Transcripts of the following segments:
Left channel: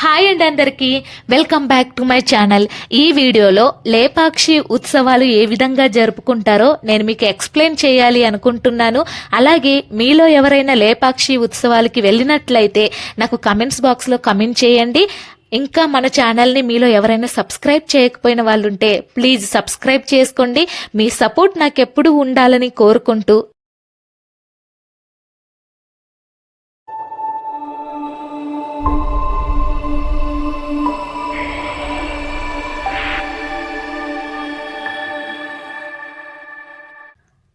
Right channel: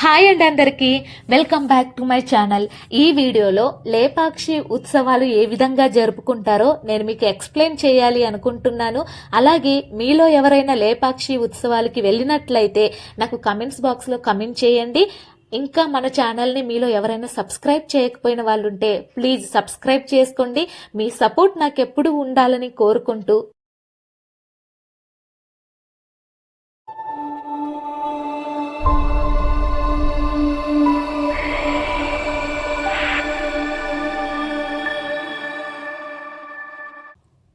Hi అండి, అందరికీ welcome back to my channel. ఈ వీడియోలో లేపాక్షి ఉత్సవాలు ఏ విధంగా జరుపుకుంటారో నేను మీకు ఎక్స్ప్లెయిన్ చేయాలి అనుకుంటున్నాను. అలాగే మీలో ఎవరైనా లేపాక్షి ఉత్సవాలకి వెళ్ళినట్లయితే నాకు కమెంట్స్ బాక్స్లో కమెంట్ చేయండి. ఇంకా మన ఛానల్ని మీలో ఎవరైనా సబ్స్క్రైబ్ చేయకపోయిన వాళ్ళు ఉంటే ప్లీజ్ సబ్స్క్రైబ్ చేసుకోండి. మీ సపోర్ట్ నాకు ఎప్పుడూ ఉండాలని కోరుకుంటూ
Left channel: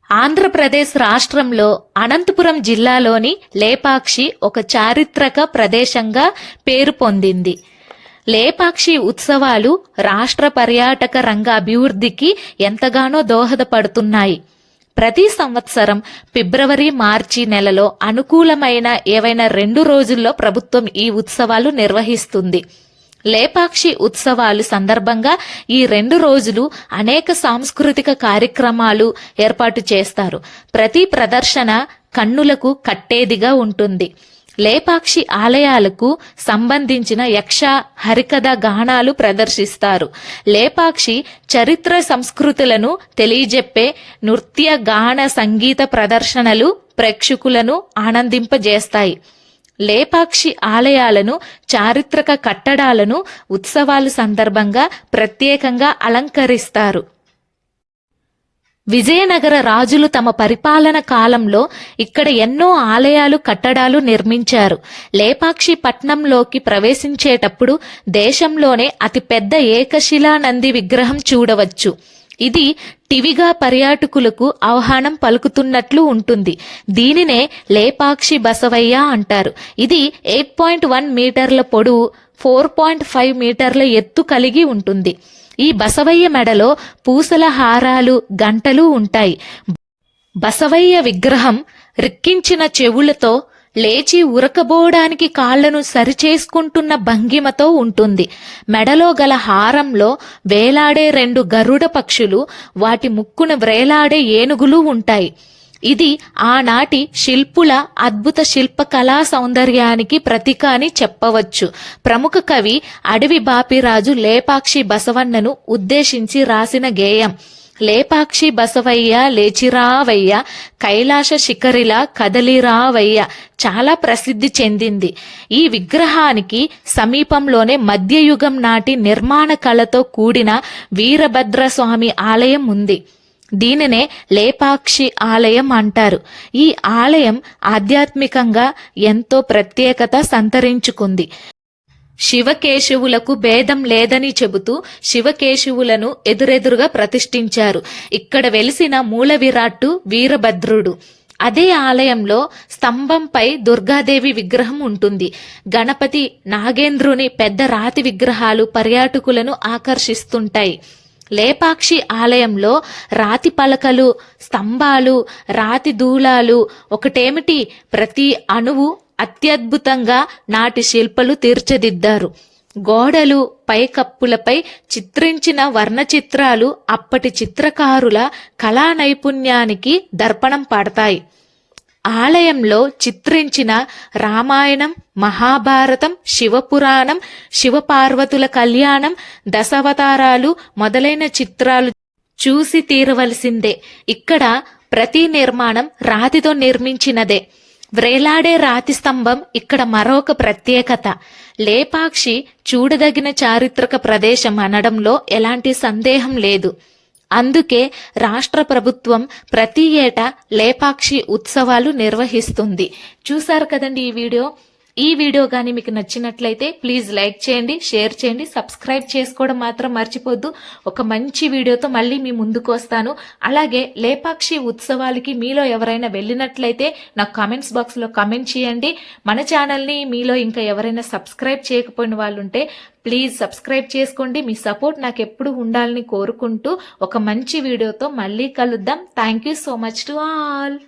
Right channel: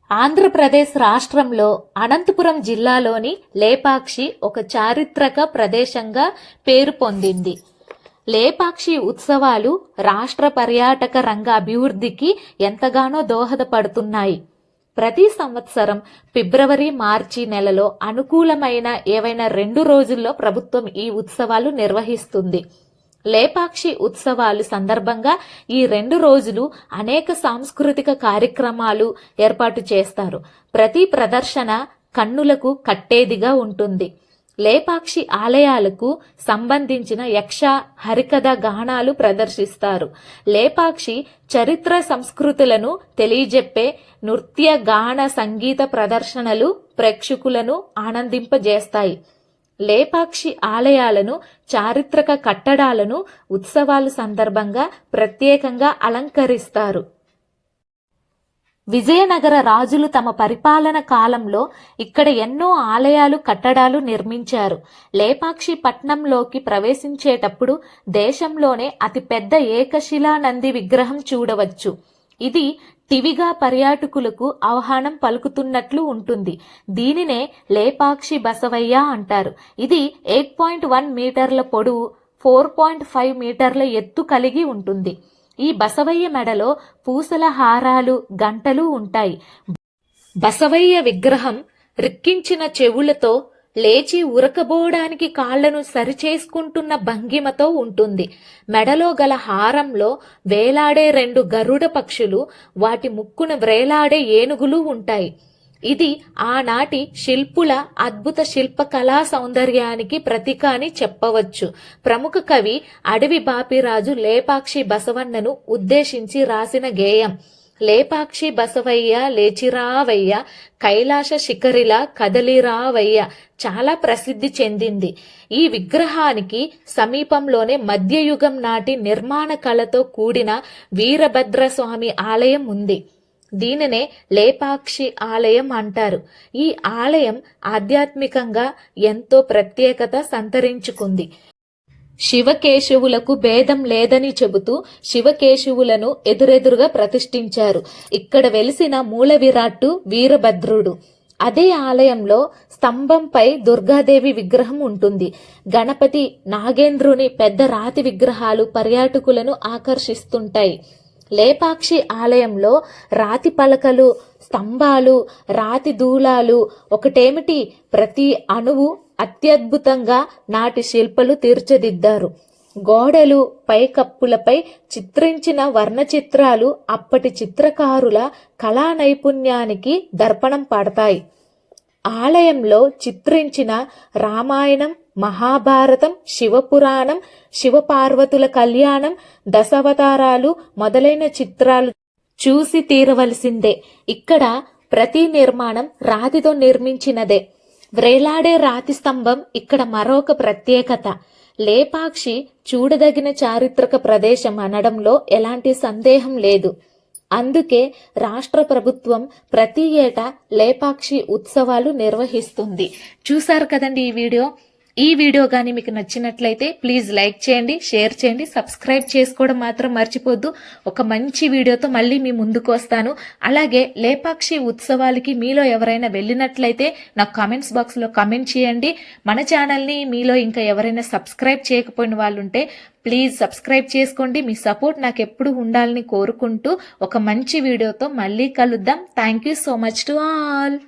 ఆంధ్రప్రదేశ్ రాష్ట్రంలో అనంతపురం జిల్లాలోని లేపాక్షి ఒక చారిత్రక ప్రదేశంగా పేరు పొందింది. లేపాక్షి ఉత్సవాలు రాష్ట్ర పర్యాటక రంగ అభివృద్ధికి ఎంతగానో దోహదపడుతున్నాయి. ప్రతి సంవత్సరం ఫిబ్రవరి, మార్చి నెలలో అనుకూలమైన ఏవైనా 2 రోజుల్లో ప్రభుత్వం ఈ ఉత్సవాలు నిర్వహిస్తుంది. లేపాక్షి ఉత్సవాలు సందర్భంగా ఈ 2 రోజులు అనేక సాంస్కృతిక కార్యక్రమాలు ఏర్పాటు చేస్తారు. ప్రతి ప్రదర్శన కన్నులకు కట్టేదిగా ఉంటుంది. లేపాక్షి ఆలయాలకు సంబంధించిన యక్ష, హరికథ గానాలు ప్రదర్శిస్తారు. లేపాక్షి చరిత్ర సంస్కృతులను తెలియజెప్పే నృత్య, గాన, సంగీత ప్రదర్శనలు ప్రేక్షకులను ఆనందింపజేస్తాయి. లేపాక్షి ఆలయాలను, చారిత్రక కట్టడాలను ఉత్సవాల సందర్భంగా ప్రత్యేకంగా అలంకరిస్తారు. విజయనగర రాజులు తమ పరిపాలన కాలంలో ఇక్కడ ఎన్నో ఆలయాలు, కట్టడాలు నిర్మించారు. లేపాక్షి పట్నంలోకి ప్రవేశించేటప్పుడు దేశంలోనే అతిపెద్ద ఏకశిలా నంది విగ్రహం చూడవచ్చు. ఇది టివిగా పర్యాటకులకు ఆహ్వానం పలుకుతున్నట్లు ఉంటుంది. దీనినే లేపాక్షి బసవయ్య అంటారు. ఇది 8.1 మీటర్ల పొడవు, 4.5 మీటర్ల ఎత్తు కలిగి ఉంటుంది. ఈ బసవయ్య మెడలో పూసల హారాలు, గంటలు ఉంటాయి. బసవయ్య విగ్రహం రిక్కించిన చెవులతో లేచి ఉరకబోడానికి కాళ్లను సరిచేసుకుంటున్న భంగిమతో ఉంటుంది. మెడలో గల హారంలో వేలాడే 2 గరుడ పక్షులు, వాటి ముక్కున వ్రేలాడే ఏనుగులు ఉంటాయి. ఇది ఆనాటి శిల్పుల అద్భుత శిల్పకళా సౌందర్యానికి ప్రతీక అని చెప్పవచ్చు. ప్రముఖ కవి అడవి బాపిరాజు లేపాక్షి బసవన్నను ఉద్దేశించి రాసిన గేయం లేపాక్షి బసవయ్య లేచిరావయ్య, కైలాస శిఖరిలా కదలిరావయ్య చాలా ప్రసిద్ధి చెందింది. ఈ విగ్రహానికి సమీపంలోనే మధ్యయుగం నాటి నిర్మాణ కళతో కూడిన వీరభద్రస్వామి ఆలయం ఉంది. దీనినే లేపాక్షి ఆలయం అంటారు. ఈ ఆలయం ఆధ్యాత్మికంగా ఎంతో ప్రత్యేకత సంతరించుకుంది. శివకేశవులకు భేదం లేదని చెబుతూ శివకేశవులను ఎదురెదురుగా ప్రతిష్ఠించారు. ఇక్కడ వెలిసిన మూల విరాట్టు వీరభద్రుడు. అదే ఆలయంలో స్తంభంపై దుర్గాదేవి విగ్రహం ఉంటుంది. గణపతి, నాగేంద్రుని పెద్ద రాతి విగ్రహాలు పర్యాటకులను ఆకర్షిస్తుంటాయి. లేపాక్షి ఆలయంలో రాతి పలకలు, స్తంభాలు, రాతి దూలాలు ఒకటేమిటి, ప్రతి అణువు అత్యద్భుతంగా నాటి శిల్పలు తీర్చిదిద్దారు. గోడలు, పైకప్పులపై చిత్రించిన వర్ణ చిత్రాలు అప్పటి చిత్రకారుల కళా నైపుణ్యానికి దర్పణం పడతాయి. ఆలయంలో చిత్రించిన రామాయణం, మహాభారతం, శివపురాణం, శివపార్వతుల కళ్యాణం, దశావతారాలు మొదలైన చిత్రాలు చూసి తీరవలసిందే. ఇక్కడ ప్రతి నిర్మాణం రాతితో నిర్మించినదే. వ్రేలాడే రాతి స్తంభం ఇక్కడ మరొక ప్రత్యేకత. లేపాక్షి చూడదగిన చారిత్రక ప్రదేశం అనడంలో ఎలాంటి సందేహం లేదు. అందుకే రాష్ట్ర ప్రభుత్వం ప్రతి ఏటా లేపాక్షి ఉత్సవాలు నిర్వహిస్తుంది. చూసారు కదండి ఈ వీడియో కానీ మీకు నచ్చినట్లయితే ప్లీజ్ లైక్ చేయండి, షేర్ చేయండి, సబ్స్క్రైబ్ చేసుకోవడం మాత్రం మర్చిపోద్దు. ఒక మంచి వీడియోతో మళ్ళీ మీ ముందుకు వస్తాను. అలాగే లేపాక్షి ఉత్సవాలకి మీలో ఎవరైనా వెళ్ళినట్లయితే నాకు కామెంట్స్ బాక్స్లో కామెంట్ చేయండి. మన ఛానల్ని మీలో ఇంకా ఎవరైనా సబ్స్క్రైబ్ చేయకపోయిన వాళ్ళు ఉంటే ప్లీజ్ సబ్స్క్రైబ్ చేసుకోండి. మీ సపోర్ట్ నాకు ఎప్పుడు ఉండాలని కోరుకుంటూ ఒక మంచి వీడియోతో మళ్ళీ కలుద్దాం. Thank you so much to all.